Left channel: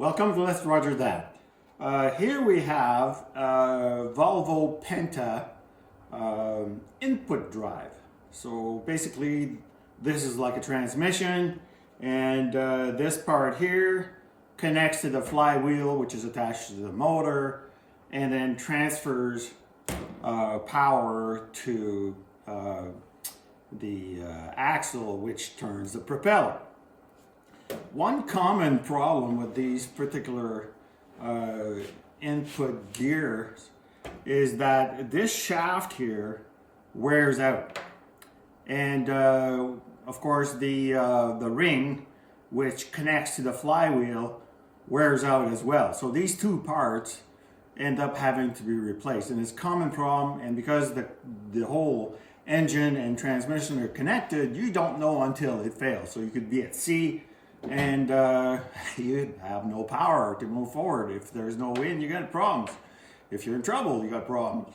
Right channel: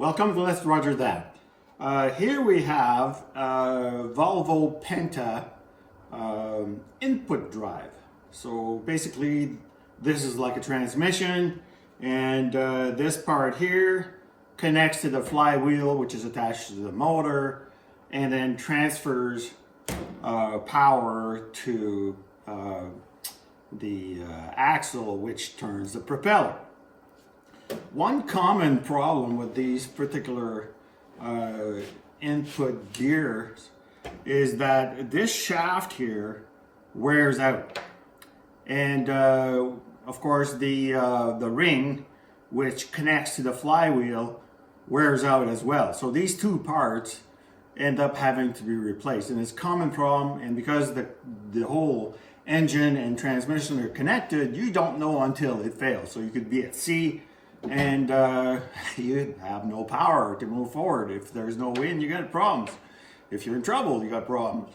Welcome to Let's Roger That. Here we have a Volvo Penta input drive. So basically this is like a transmission, and this part here connects to the flywheel, which is attached to the motor, and then transfers power to the axle, which turns the propeller. One common problem with these particular input gears is that this shaft here wears out, and of course the ring which connects to the flywheel wears out as well. So these two parts end up having to be replaced, and it's a common problem. And because the whole engine and transmission are connected, you don't know until it fails. So you could be at sea and you have no power to move forward. If there's no wind, you got problems. If you're in trouble, you got problems.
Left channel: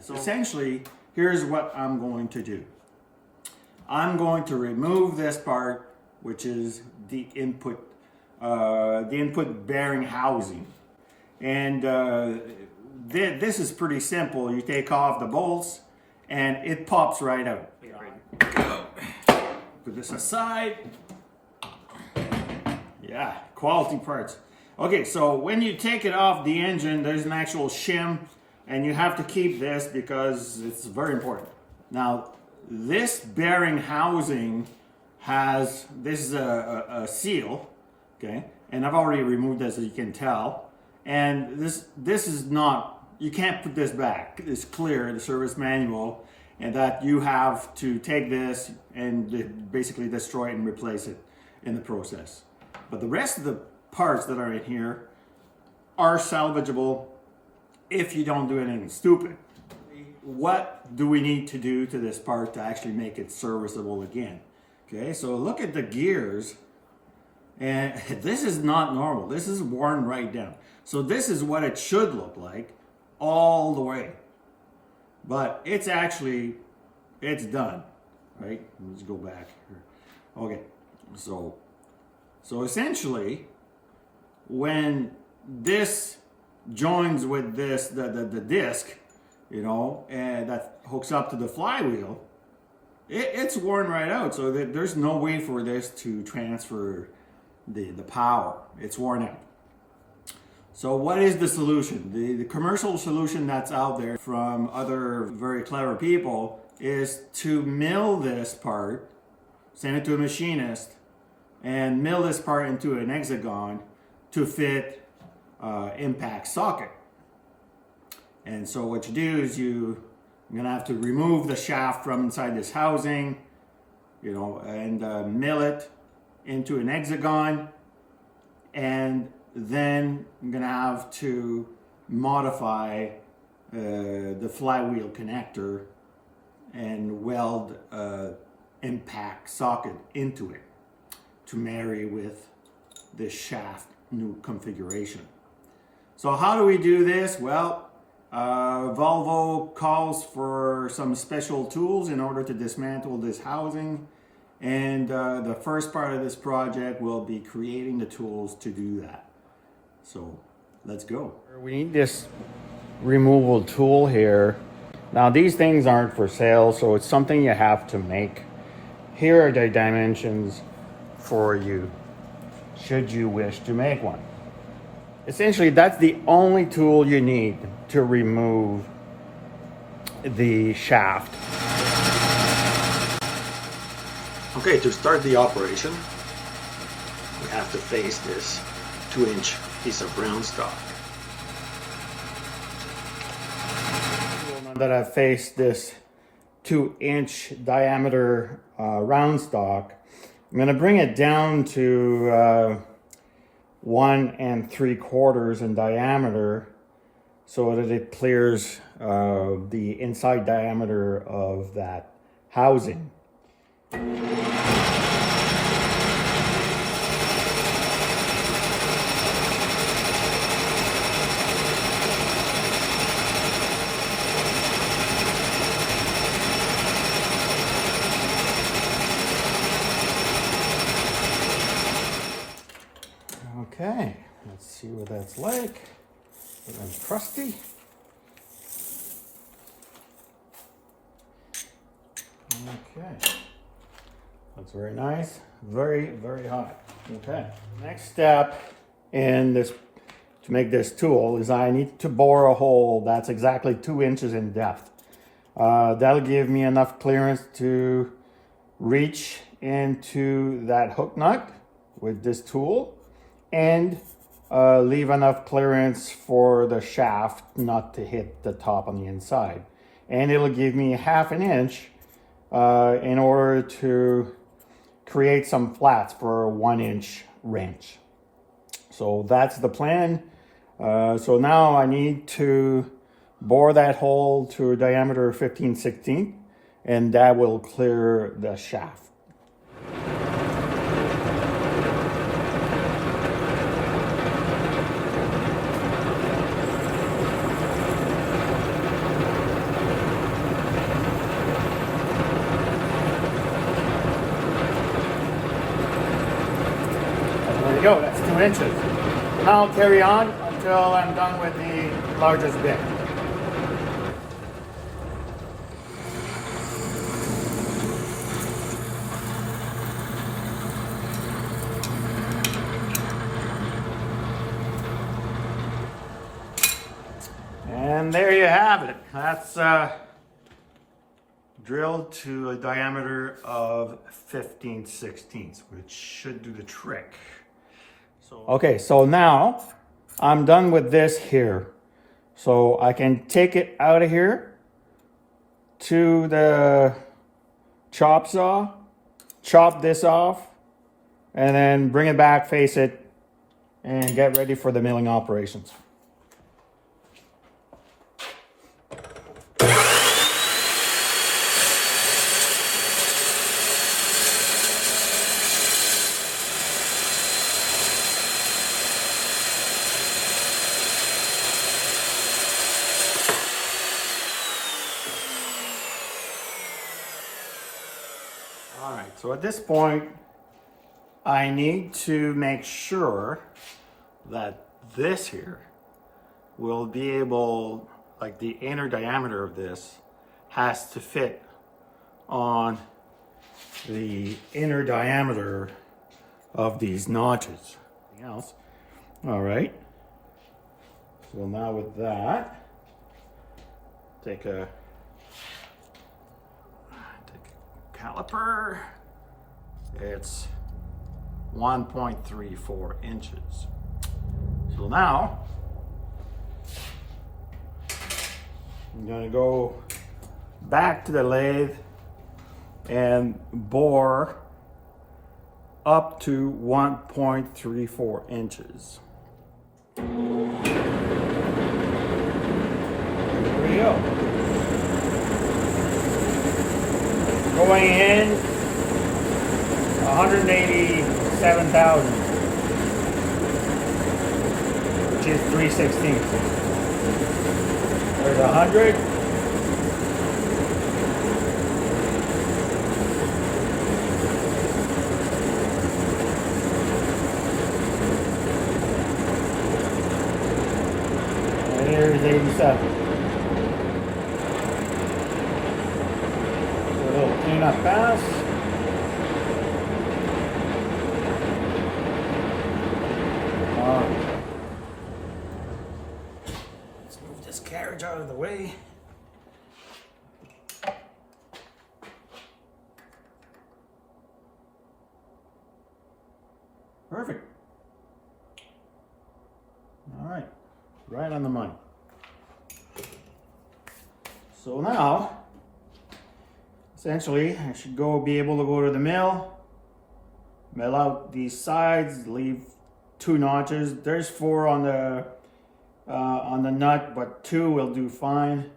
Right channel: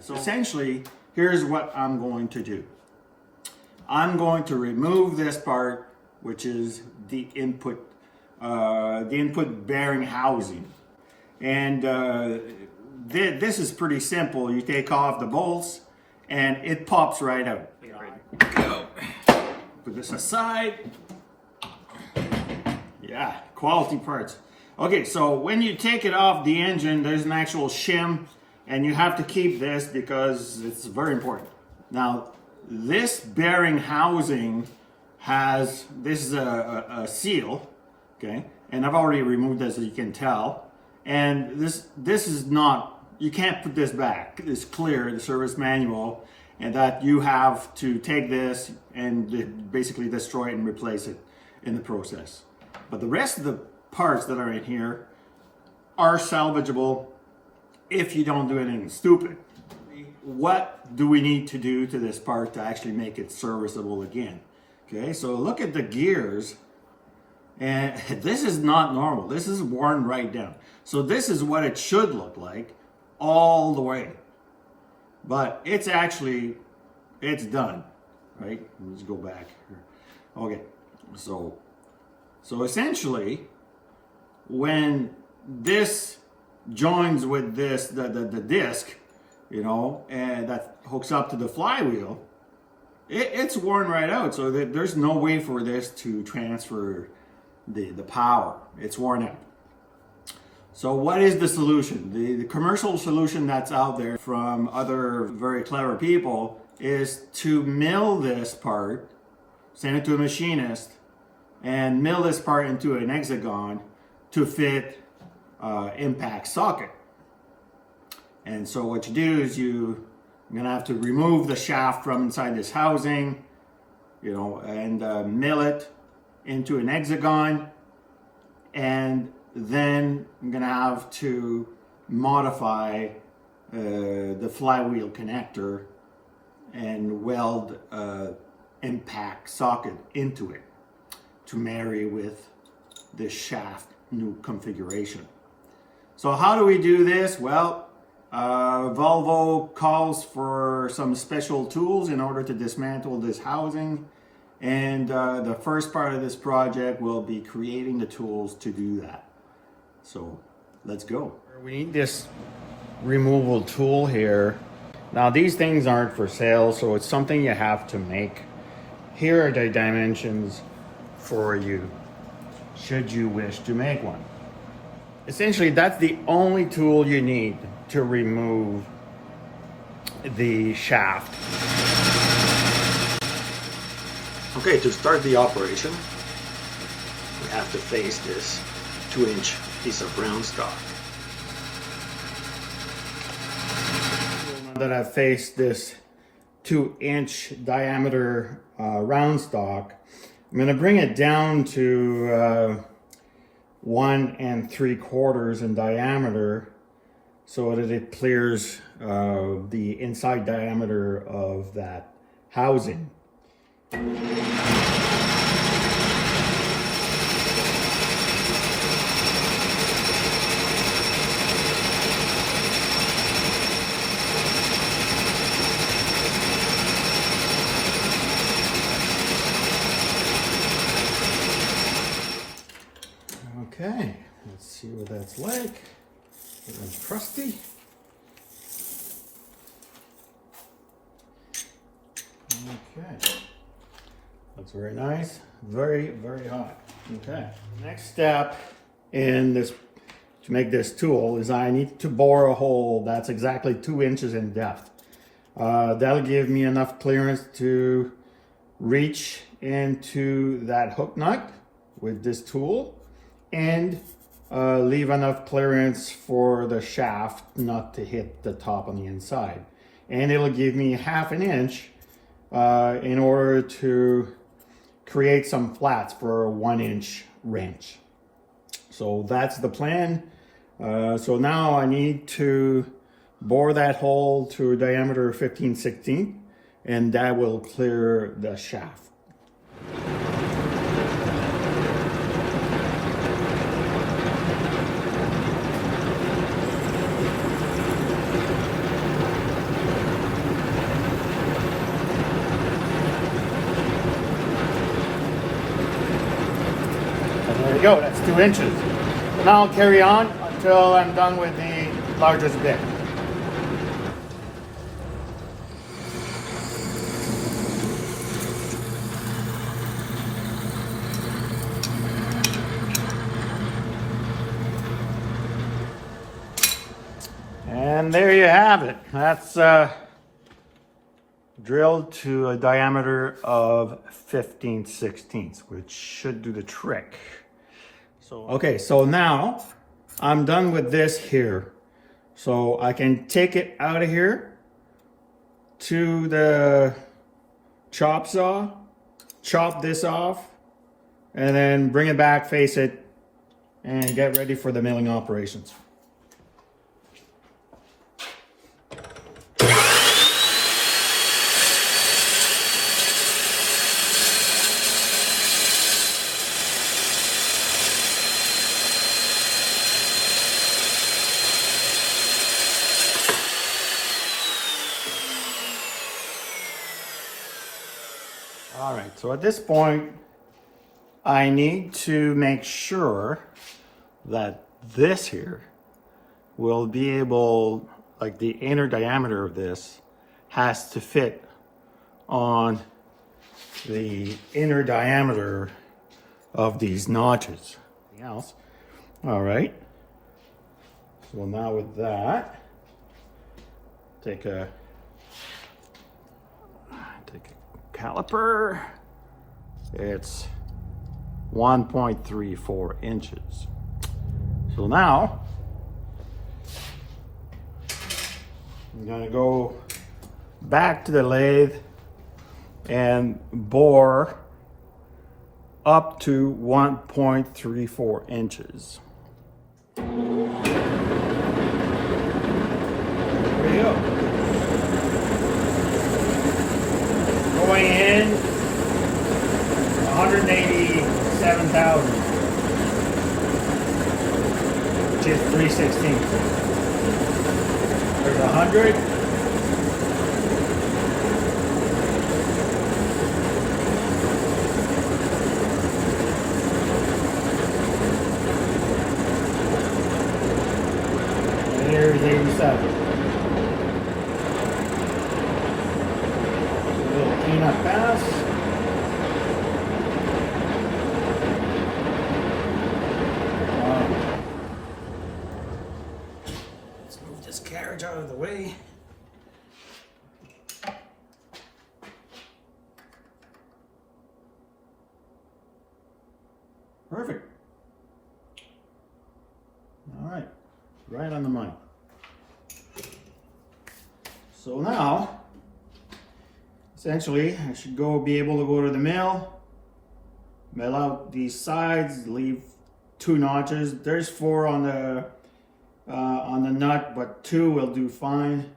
So essentially, here's what I'm going to do. I'm going to remove this part, which is the input bearing housing. And this is pretty simple. You take off the bolts and it pops right out. Go. Put this aside. Yeah, quality parts. Okay, so when you take it off the engine, there's an actual shim, and you have to keep this because it's very important. Now, this bearing housing has, this is a seal, okay? And I've already removed this, as you can tell. And this is not, you can't put this back. It's clear in the service manual, and that you have to take this and basically destroy it and replace it in the process. But the rest of the parts that are in here are salvageable if you don't do anything stupid. What do we need to do to this part to actually make it serviceable again? Okay, so look at the gears, and this is not normal. This is worn right down. So this is what it should look like all the way. But it's actually, it's done, right? Let's go back here. Okay, so essentially, when this joins with this, the disc, you know, and that hooks up to the flywheel, it's worn right out. So there's no way for this to transfer the power. It's worn out. So what is the solution? The commercial solution that's out there from other very clever people is to mill this part, send it to a machinist, and mill this part into an hexagon to fit impact socket. And so what you do is you're gonna have to remove the shaft from inside this housing, you know, and mill it into an hexagon, and then I'm gonna have to modify the flywheel connector and weld impact socket into it to marry with this shaft new configuration. So how do we do this? Well, Volvo calls for some special tools in order to dismantle this housing, and the first part of this project will be creating the tools to do that. So let's go. We need this removal tool here. Now these things aren't for sale, so it's something you have to make. Here are the dimensions for you, should you wish to make one. Essentially, that's the only tool you need to remove the shaft. Okay, to start the operation, we have to face this 2-inch piece of round stock. That I've faced this 2-inch diameter round stock, I'm going to bring it down to 1 3/4 in diameter so that it clears the inside diameter of that housing. Okay. Let's see what that's like. It's crusty. Okay. Looks very nice. Very, very hot. Okay. Next step in this, to make this tool, is I need to bore a hole that's exactly 2 inches in depth. That'll give me enough clearance to reach into that hook nut with this tool and leave enough clearance for the shaft not to hit the top on the inside. And it'll give me 1/2 inch in order to create some flats for a 1 inch wrench. So that's the plan. So now I need to bore that hole to a diameter of 15/16, and that will clear the shaft. Go, that's 2 inches. Now I'll carry on until I'm done with the largest bit. And there you have it. That's drilled to a diameter of 15/16, which should do the trick. Okay, so now I'm done with this here. So I can take it out of here to the chop saw, chop this off, and then bring it back, face it, and get ready for the milling operations. All right, so at this point, I need to make sure that this here will be able, like the inner diameter of this has to fit on the inner diameter of these notches. Anything else? All right. So now with that, take a caliper. It's 1.34 inches. So now I'm going to go back to the lathe and bore up to 1.34 inches. There we go. Going in 187,000, which is 3/16. There's 100. And there's 87. Not fast. Let's move this carriage out of the way. Perfect. All right, right on the money. So now, essentially, I should be able to go to the mill out these sides, leave 2 notches. There's 4 on the nut, but 2 will do fine,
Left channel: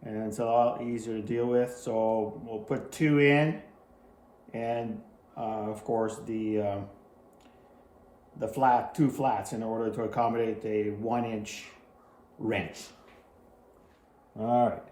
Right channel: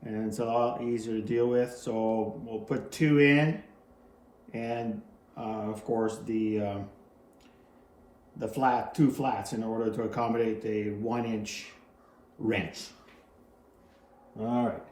and it's a lot easier to deal with. So we'll put 2 in, and of course the 2 flats in order to accommodate a 1 inch wrench. All right.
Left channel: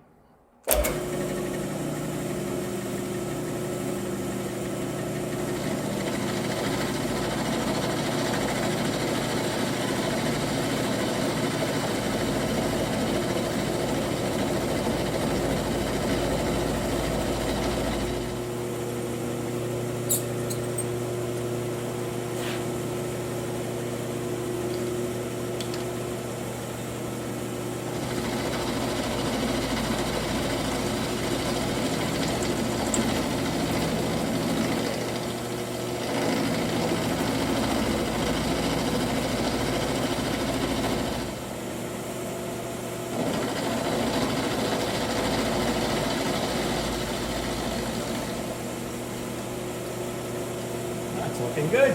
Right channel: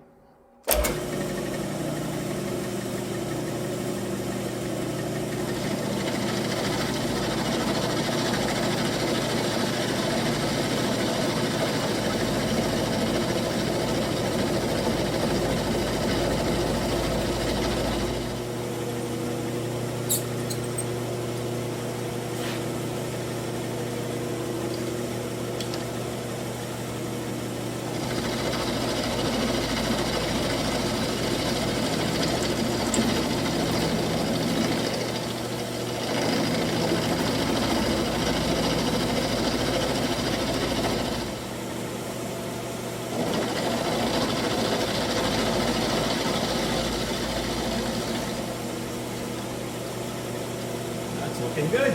Looking good.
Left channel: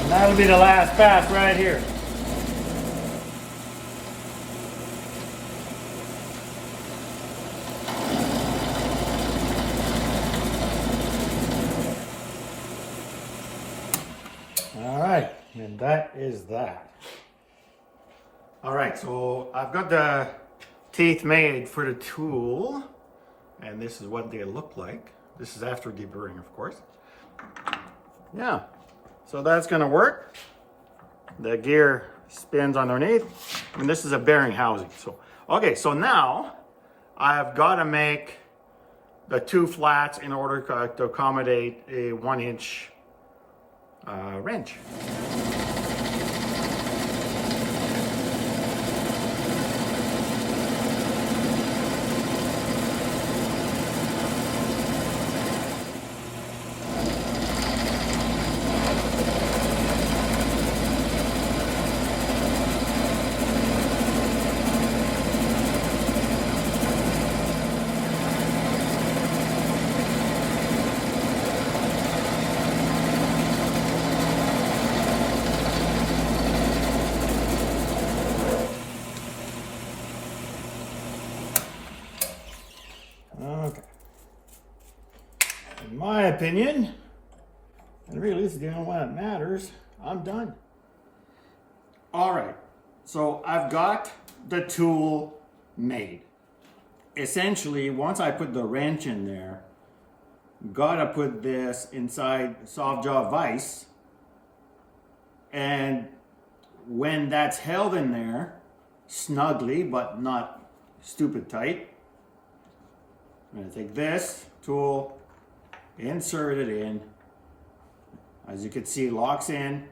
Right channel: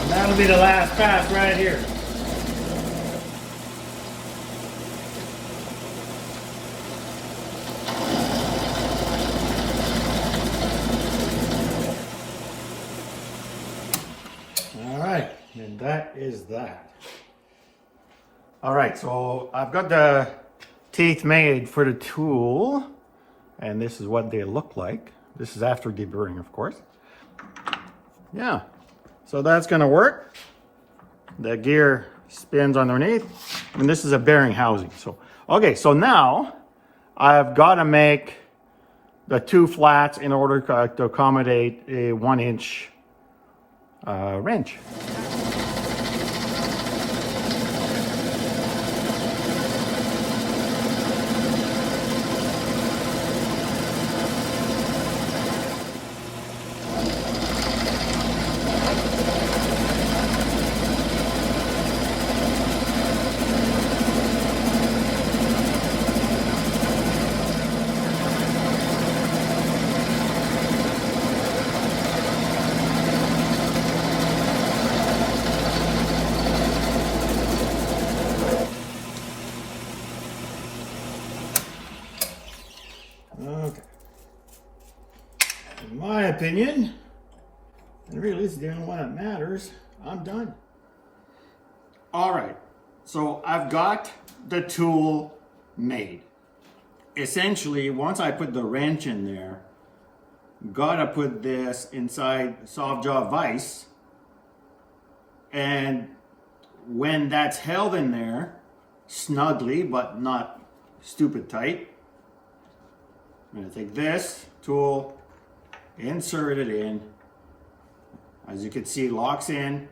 And that'll be the last pass right here. And that is that. All right, so I've got the teeth made for the tool, and this is what they look like. This is after deburring, of course. Yeah, so that's gonna work. The gear spins underneath, and this is a bearing housing. So, okay, so now I've got to make the two flats in order to accommodate a 1-inch wrench. Okay. In my opinion, and really this is the only one that matters, I'm done. All right, so I've got the tool made. Essentially, once I put the wrench in there, gotta put this inside soft jaw vise, and when that's held in there snugly but not stupid tight, I'm going to take this tool, insert it in. As you can see, locks in,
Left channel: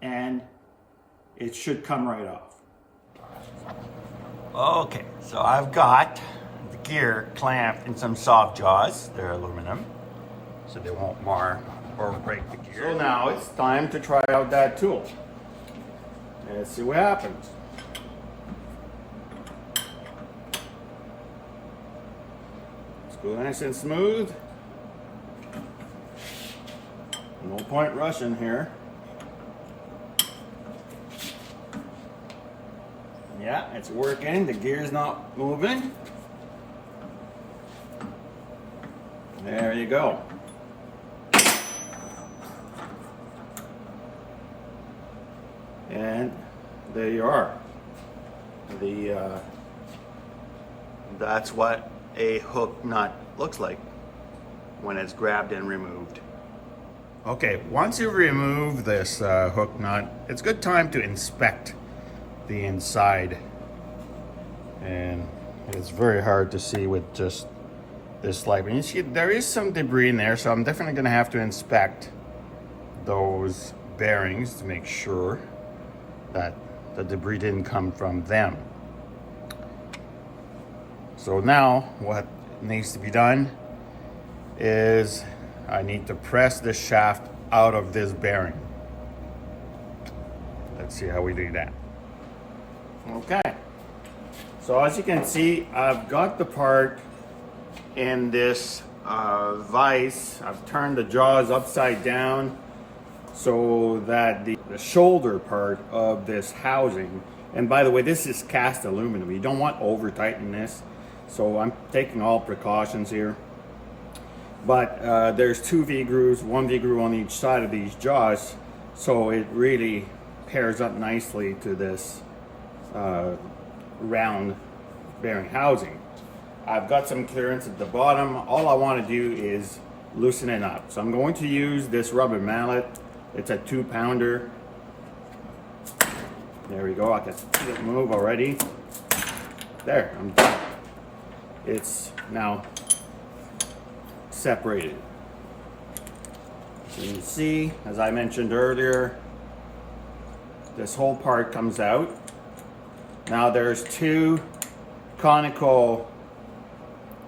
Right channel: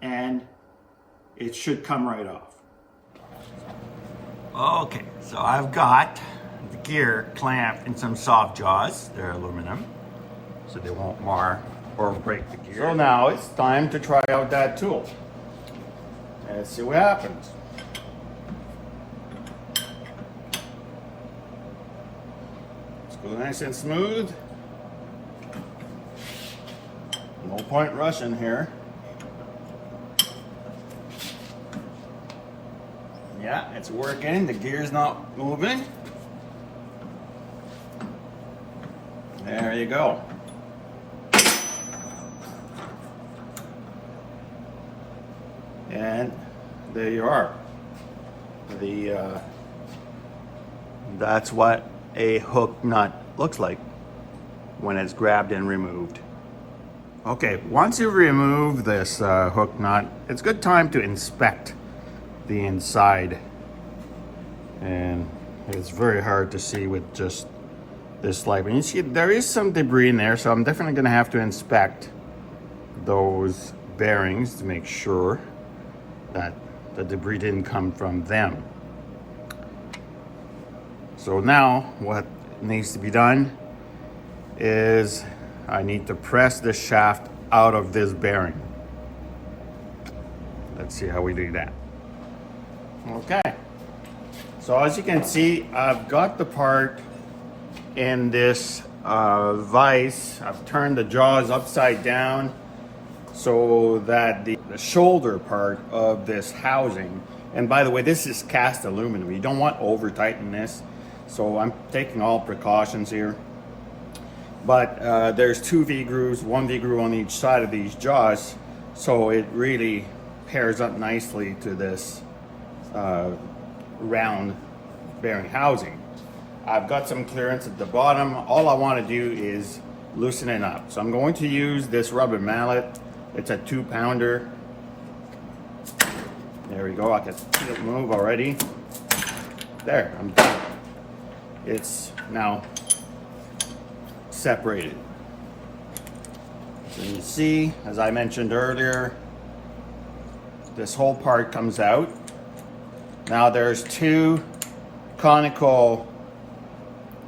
and it should come right off. Okay, so I've got the gear clamped in some soft jaws. They're aluminum, so they won't mar or break the gear. So now it's time to try out that tool. Let's see what happens. Go nice and smooth. No point rushing here. Yeah, it's working. The gear's not moving. There you go. And there you are. That's what a hook nut looks like when it's grabbed and removed. Okay, once you remove this hook nut, it's a good time to inspect the inside. And it's very hard to see with just this light. And you see there is some debris in there, so I'm definitely gonna have to inspect those bearings to make sure that the debris didn't come from them. So now what needs to be done is I need to press this shaft out of this bearing. Let's see how we do that. Okay. So as you can see, I've got the part in this vise. I've turned the jaws upside down so that the shoulder part of this housing, and by the way, this is cast aluminum. You don't want over tighten this. So I'm taking all precautions here. But there's 2 V-grooves, 1 V-groove on each side of these jaws. So it really pairs up nicely to this round bearing housing. I've got some clearance at the bottom. All I want to do is loosen it up. So I'm going to use this rubber mallet. It's a 2-pounder. There we go. I can see it move already. There, I'm done. It's now separated. So you can see, as I mentioned earlier, this whole part comes out. Now there's 2 conical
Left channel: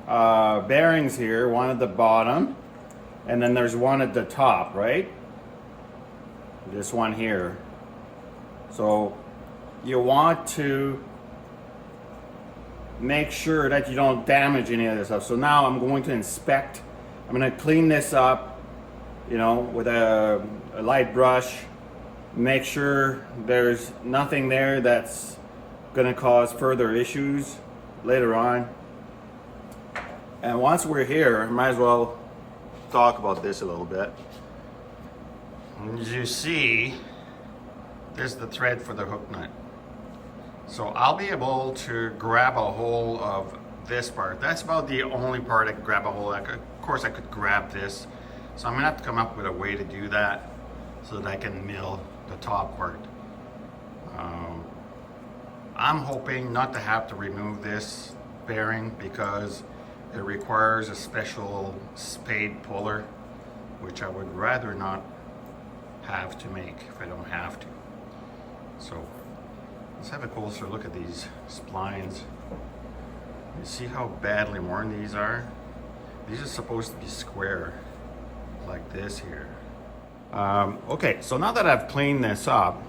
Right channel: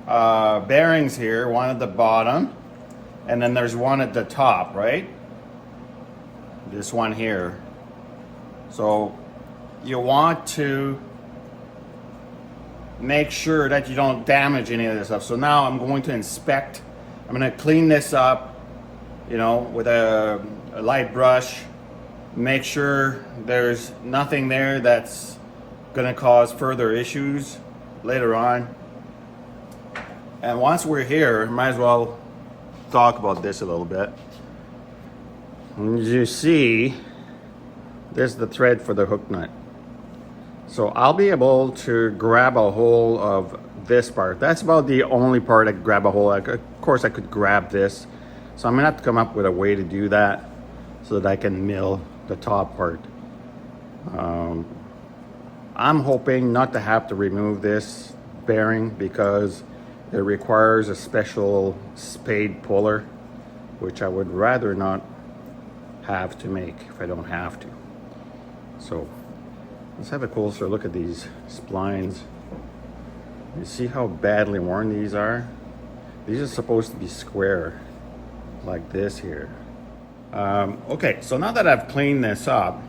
bearings here, one at the bottom, and then there's one at the top, right? This one here. So you want to make sure that you don't damage any of this stuff. So now I'm going to inspect. I'm going to clean this up, you know, with a light brush. Make sure there's nothing there that's going to cause further issues later on. And once we're here, might as well talk about this a little bit. As you see, there's the thread for the hook nut. So I'll be able to grab a hold of this part. That's about the only part I could grab a hold of. Of course, I could grab this. So I'm gonna have to come up with a way to do that so that I can mill the top part. I'm hoping not to have to remove this bearing because it requires a special spade puller, which I would rather not have to make if I don't have to. So let's have a closer look at these splines. You see how badly worn these are? These are supposed to be square like this here. Okay, so now that I've cleaned this up,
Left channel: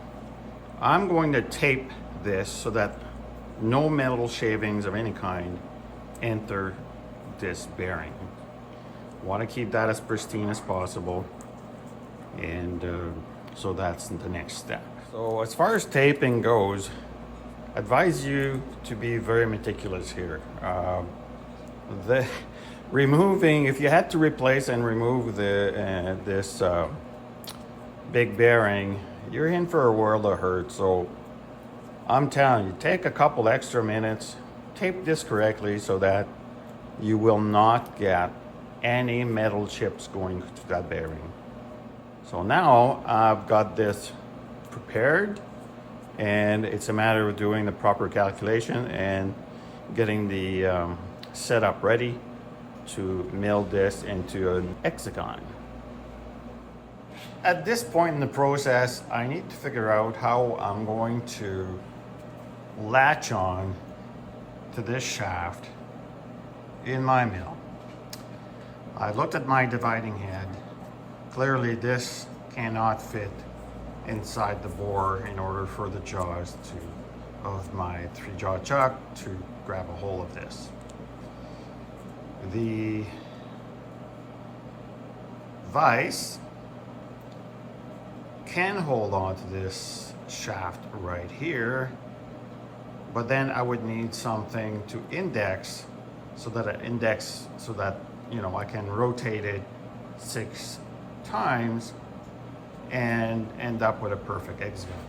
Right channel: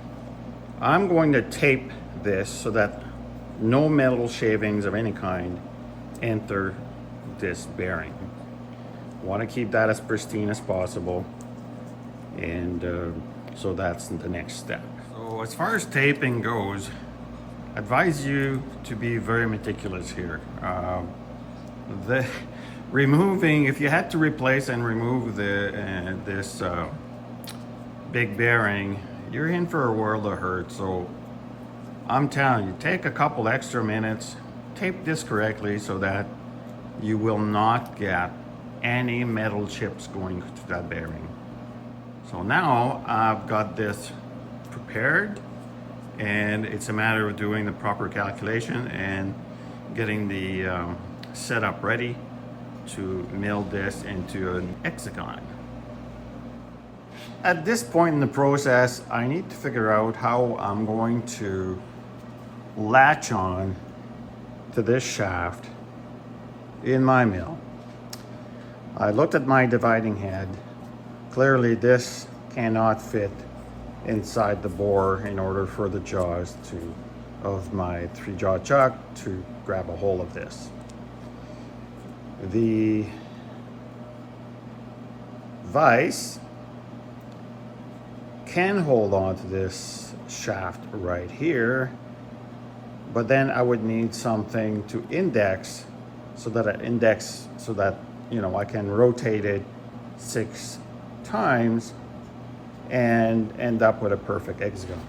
I'm going to tape this so that no metal shavings of any kind enter this bearing. Want to keep that as pristine as possible, and so that's the next step. So as far as taping goes, I advise you to be very meticulous here. If you had to replace and remove this big bearing, you're in for a world of hurt. So I'm telling you, take a couple extra minutes, tape this correctly so that you will not get any metal chips going to that bearing. So now I've got this prepared, and it's a matter of doing the proper calculation and getting the setup ready to mill this into an hexagon. At this point in the process, I need to figure out how I'm going to latch on to this shaft in my mill. I looked at my dividing head. Clearly this cannot fit inside the bore in order for the jaws of my 3-jaw chuck to grab a hold of this. The vise can hold on to this shaft right here, but then I would need something to index so that you know, I can rotate it 6 times and end up with a perfect hexagon.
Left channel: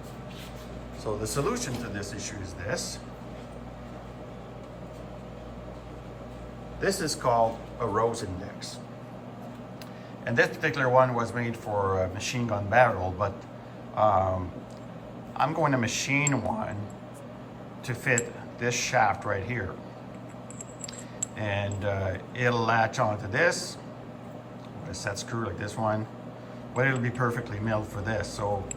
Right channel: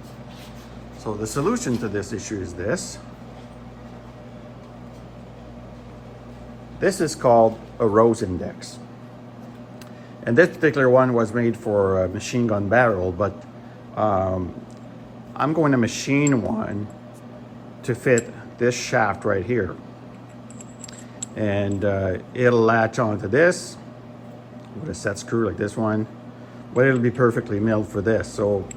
So the solution to this issue is this. This is called a rose index. And this particular one was made for a machine gun barrel, but I'm going to machine one to fit this shaft right here. And it'll latch onto this with a set screw like this one, but it'll be perfectly milled for this. So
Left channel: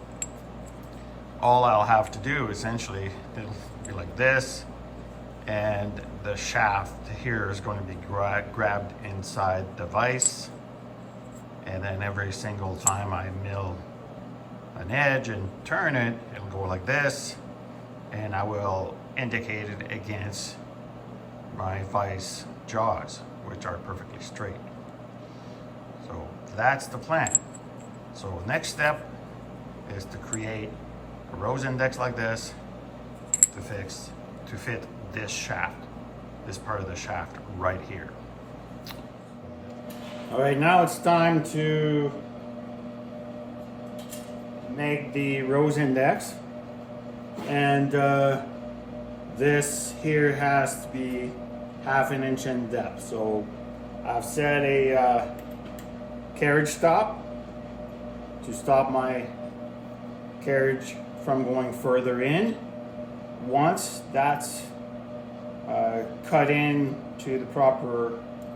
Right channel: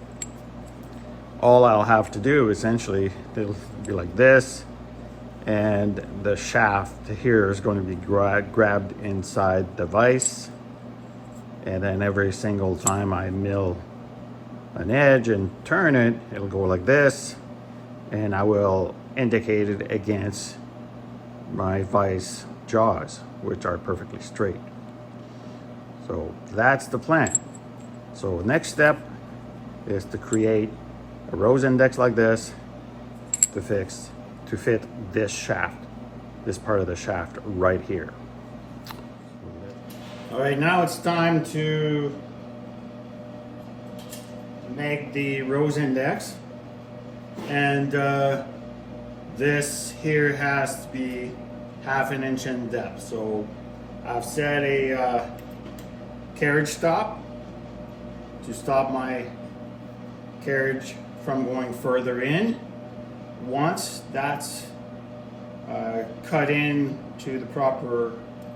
all I'll have to do essentially, it'll be like this, and the shaft here is going to be grabbed inside the vise, and then every single time I mill an edge and turn it, it'll go like this, and I will indicate it against my vise jaws, which are perfectly straight. So that's the plan. So next step is to create a rose index like this to fit this shaft, this part of the shaft right here. All right, now it's time to make the rose index, and this here has to be 1/2 inch in depth. So I've set a carriage stop to stop my carriage from going further in. Once that's cut in to the proper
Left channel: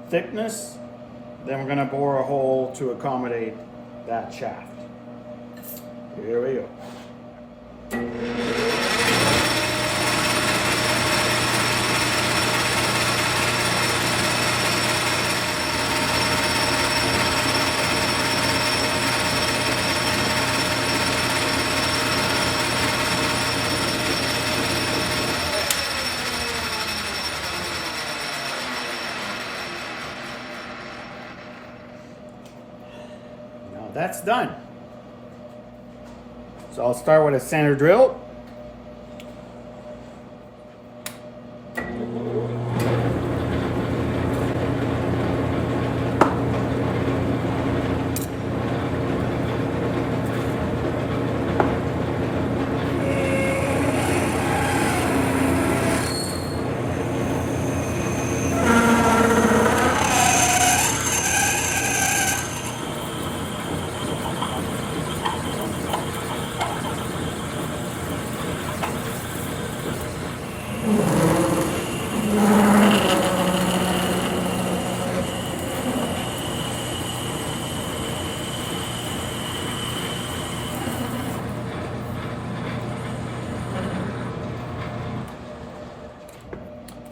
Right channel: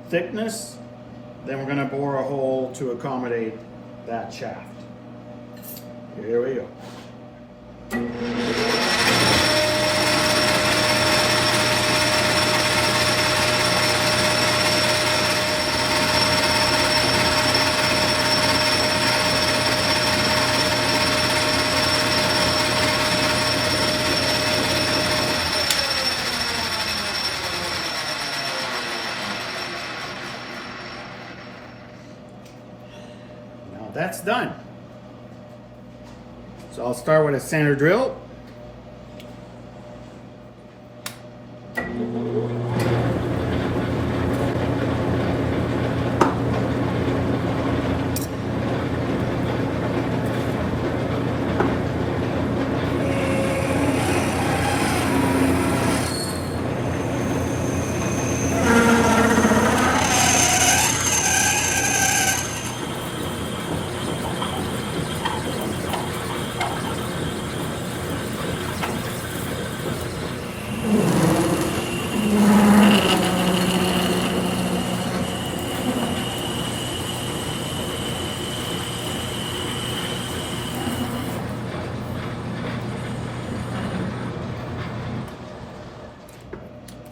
thickness, then we're going to bore a hole to accommodate that shaft. Here we go. that's done. So I'll start with a center drill.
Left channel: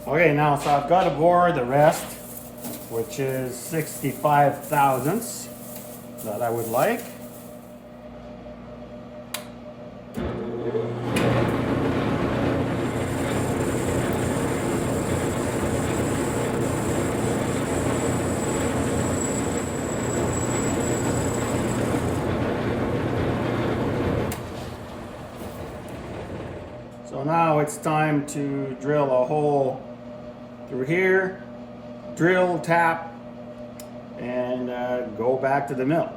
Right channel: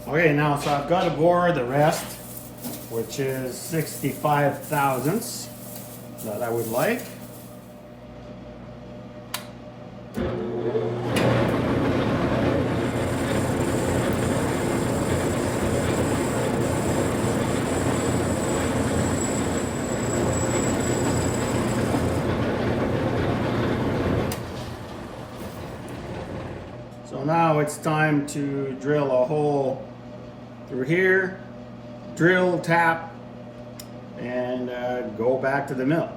Okay, now so I've got to bore the rest, which is 65 thousandths that I would like. So now it's time to drill a hole through here, drill, tap, and go back to the mill.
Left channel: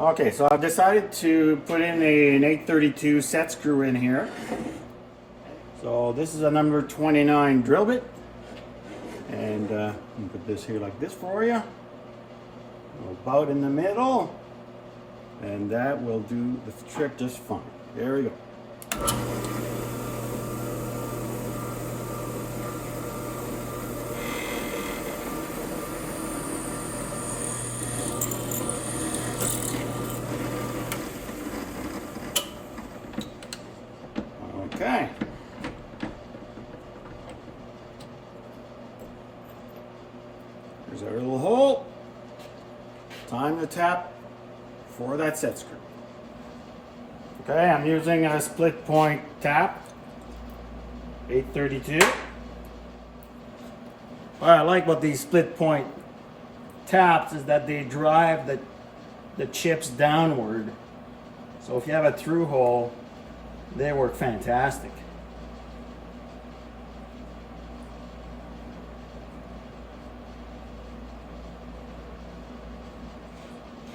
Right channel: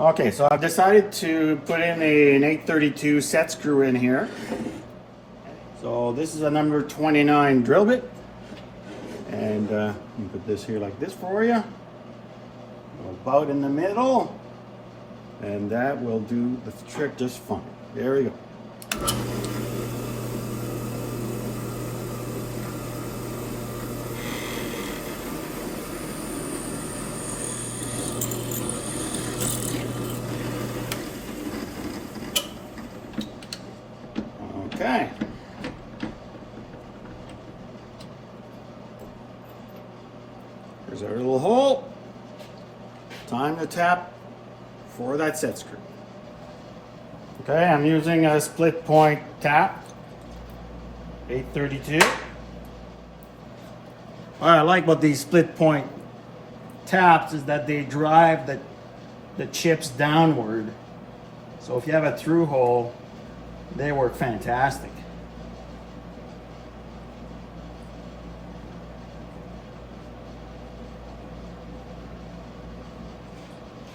Okay, so I decided to put in an 832 set screw in here. So this is a number 29 drill bit, and I'll put this here like this for you, about in the middle, and that will do the trick just fine. There we go. Okay. There's our little hole. Time to tap for that set screw. Okay, I'm using a split point tap, 832. What I like about these split point taps is that they drive the chips downward. So if you have a through hole, they work fantastic.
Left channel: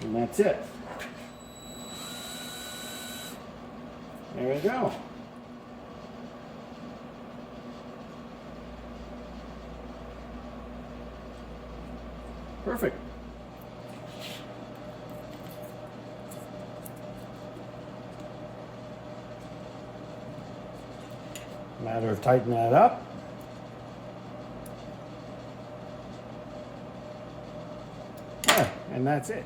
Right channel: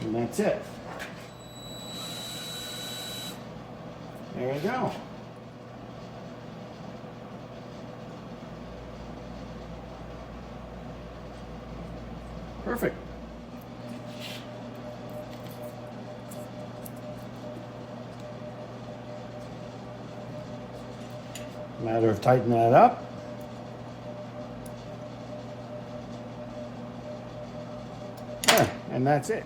And that's it. There you go. Perfect. Matter of tightening that up. Yeah, and that's it.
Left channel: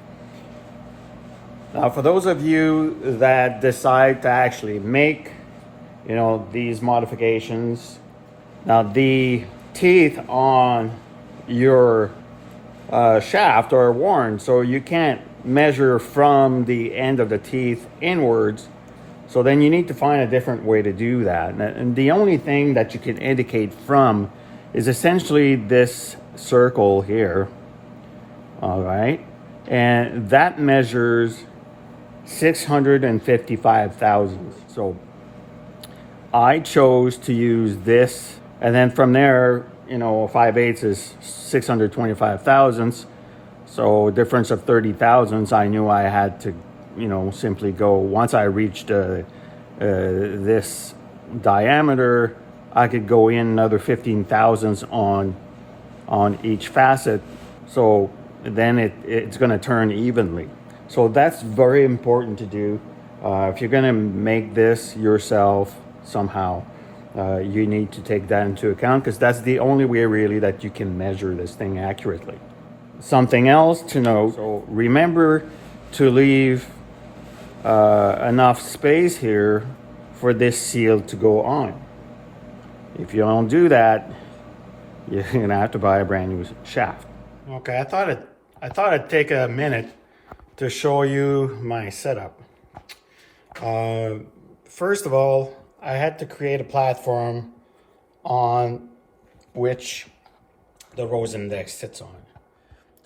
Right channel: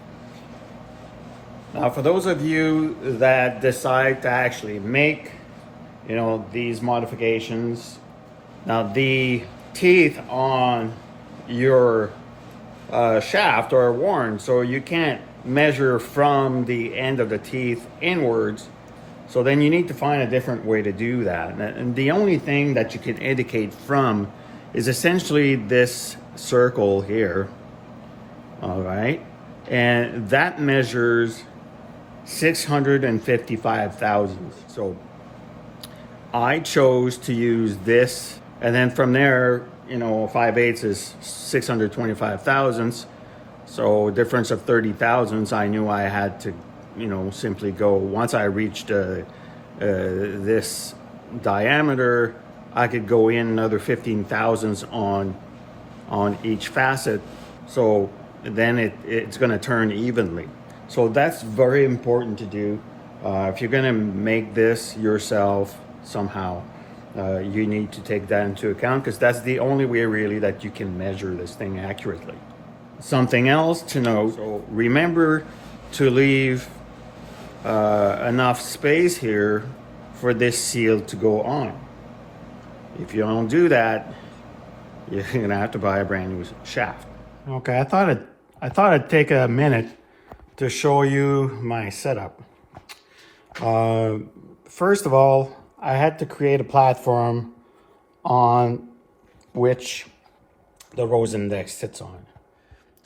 Now, for those of you that decide to actually make, these modifications, now the teeth on your shaft are worn, so you can't measure from the end of the teeth inwards. So then you need to find a different way to do that. And the only thing that you can indicate from is essentially this circle here. All right. And that measures 655 thousandths. So I chose to use this. And then from there, 5/8 is 625 thousandths. So difference of 30 thousandths, I knew I had to simply go, once I reached this diameter, I could go in another 15 thousandths on each facet. So then it's going to turn evenly. So that's very important to do. If you're going to make this yourself somehow, you need to take that into account, because that's the only way really that you can measure this thing accurately. Something else to note, so remember to leave enough space here for this seal to go on. If you don't do that, you're gonna have to buy a brand new shaft. Okay, I thought I'd take a minute to show you my setup. First of all, I had to create a platform on which the rose index sits on.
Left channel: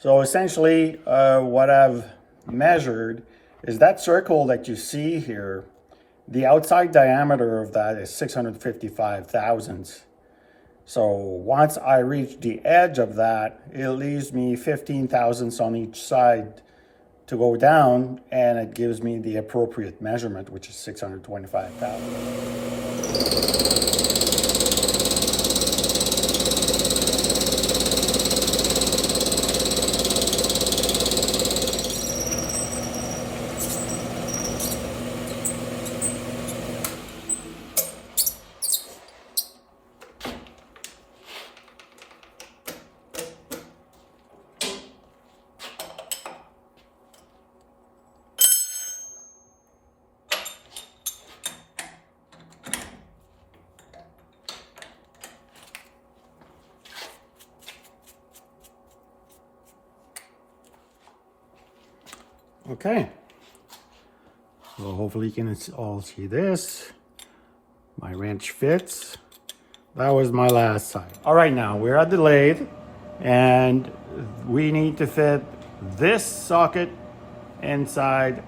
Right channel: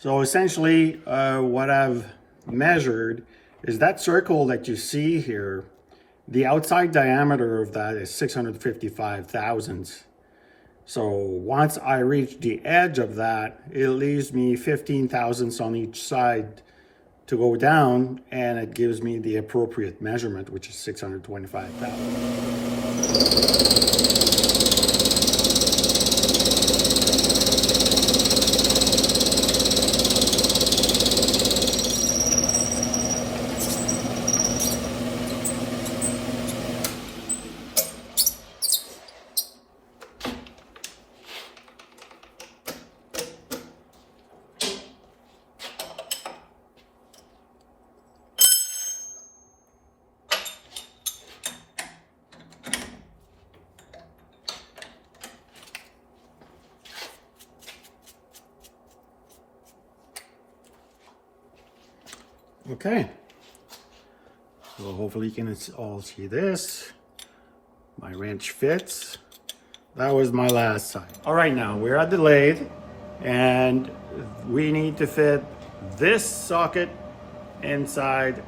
So essentially what I've measured is that circle that you see here, the outside diameter of that is 655 thousandths. So once I reach the edge of that, it leaves me 15 thousandths on each side to go down, and it gives me the appropriate measurement, which is 625 thousandths. Okay, so hopefully you can all see this. My wrench fits. That was my last side. All right, now we're at the lathe and we need to fit this socket inside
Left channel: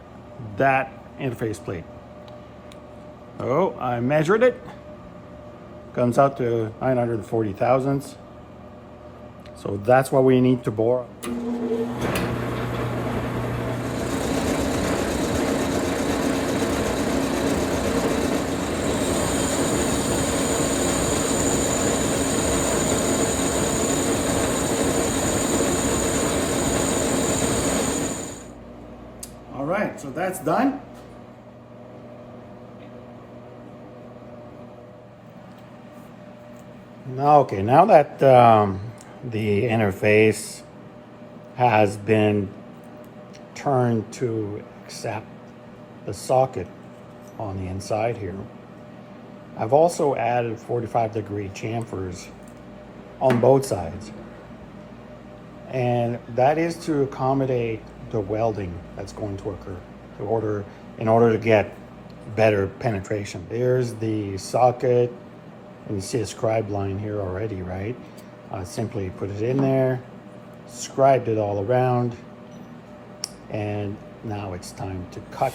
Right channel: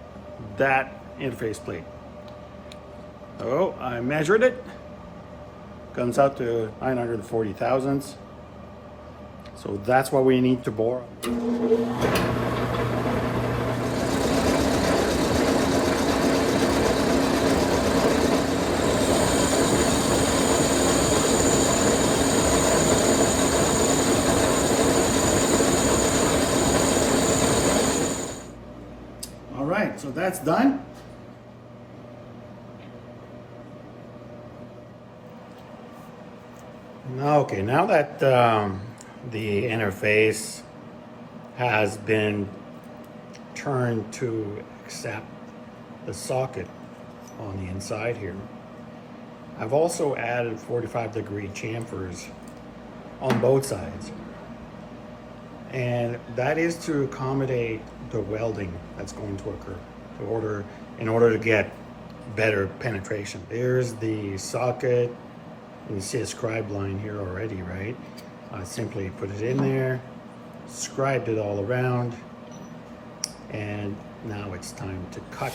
that interface plate. So I measured it. Comes out to 940 thousandths. So that's what we need to bore. All right, so that's done. Okay, now that the interface has been turned to accept the socket on the inside here, I've also added 45-degree chamfers on both sides. And that is to accommodate the welding that's going to occur in order to get better penetration. There's the socket, and you see a scribe line here already, right? I simply put it in there, scribed it all around, and now it's time to cut.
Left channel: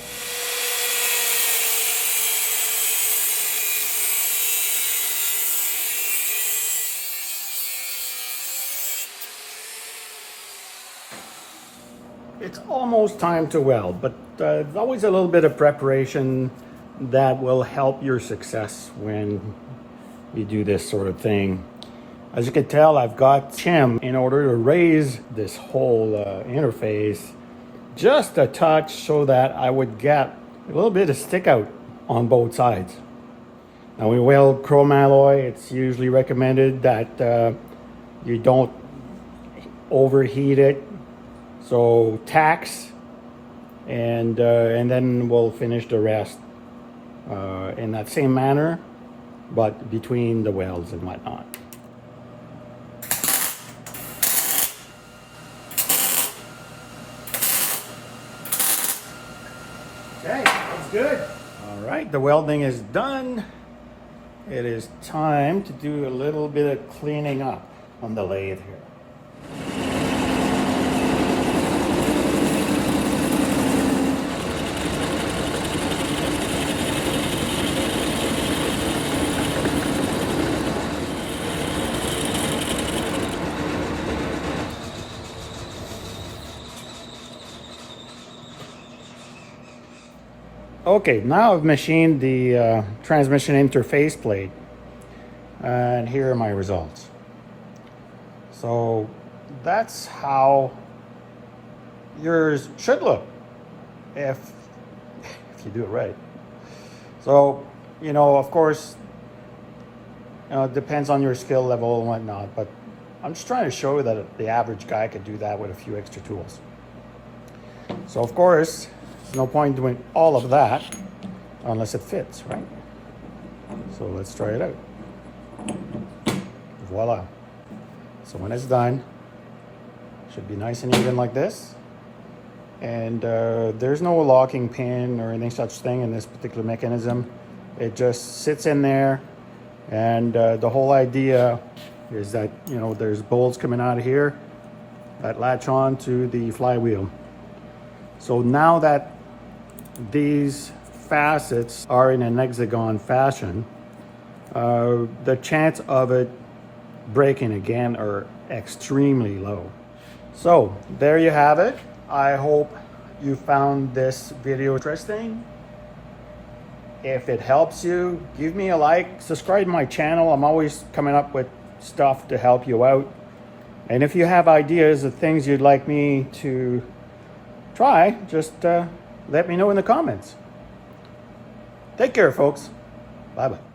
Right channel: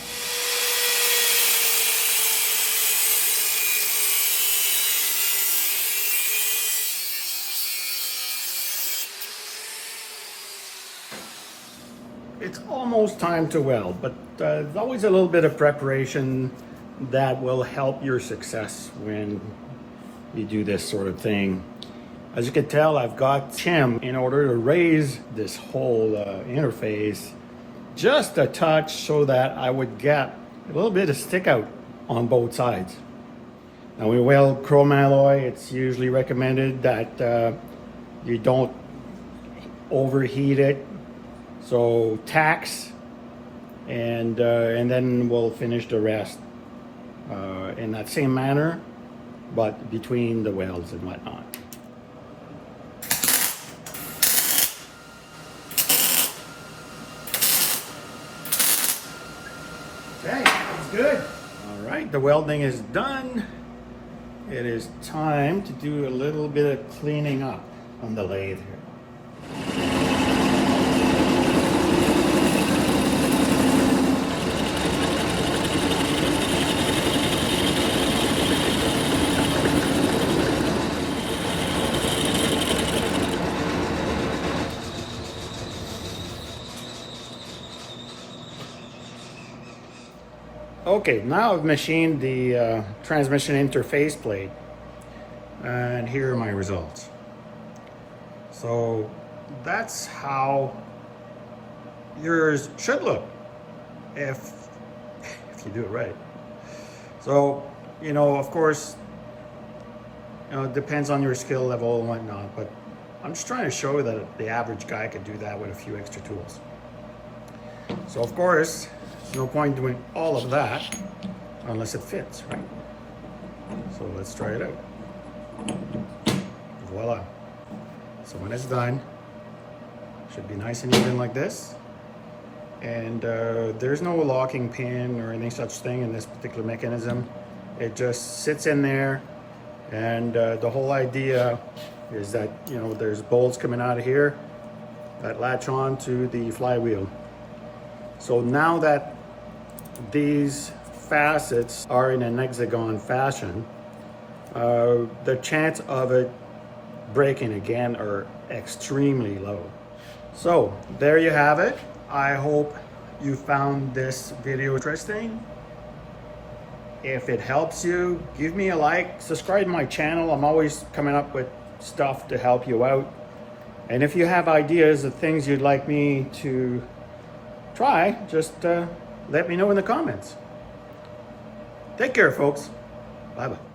It's almost time to weld, but there's always a little bit of preparation that will help your success when you do this sort of thing. As you can tell, I've got shim in order to raise this whole interface just a touch so that I would get a little bit of stick out on both sides. Now we weld chrome alloy, it's usually recommended that you don't overheat it. So tax, and then we'll finish the rest in that same manner, but between the welds and whatnot. Okay, that's good. All right, the welding is done. It is time to do a little bit of cleaning up on the lathe here. Okay, now I've machined the transmission interface plate, and here are my results. So that's how yours should look if you do it right. So, you know, of course, it depends on your skill level and whatnot, but I'm just trying to show you that the average guy could do that with a few extra tools. So of course, there's no point doing all of that unless it fits, right? So let's try it out. Voila. So when it's done, it should be nice and even like this. And there's no locking pin or any such thing in this particular mechanism. It just sits in there, and the whole idea is that, you know, there's bolts coming out of here, that latch on to the flywheel. So now that these facets are in an hexagon fashion, the chance of it breaking again are extremely low. So there you have it. I hope you found this video interesting. If it helps you, give me a like, subscribe to my channel. I'm always coming up with stuff to help you out. And if you have ideas of things you'd like me to try, just let me know in the comments. Take care, folks. Bye-bye.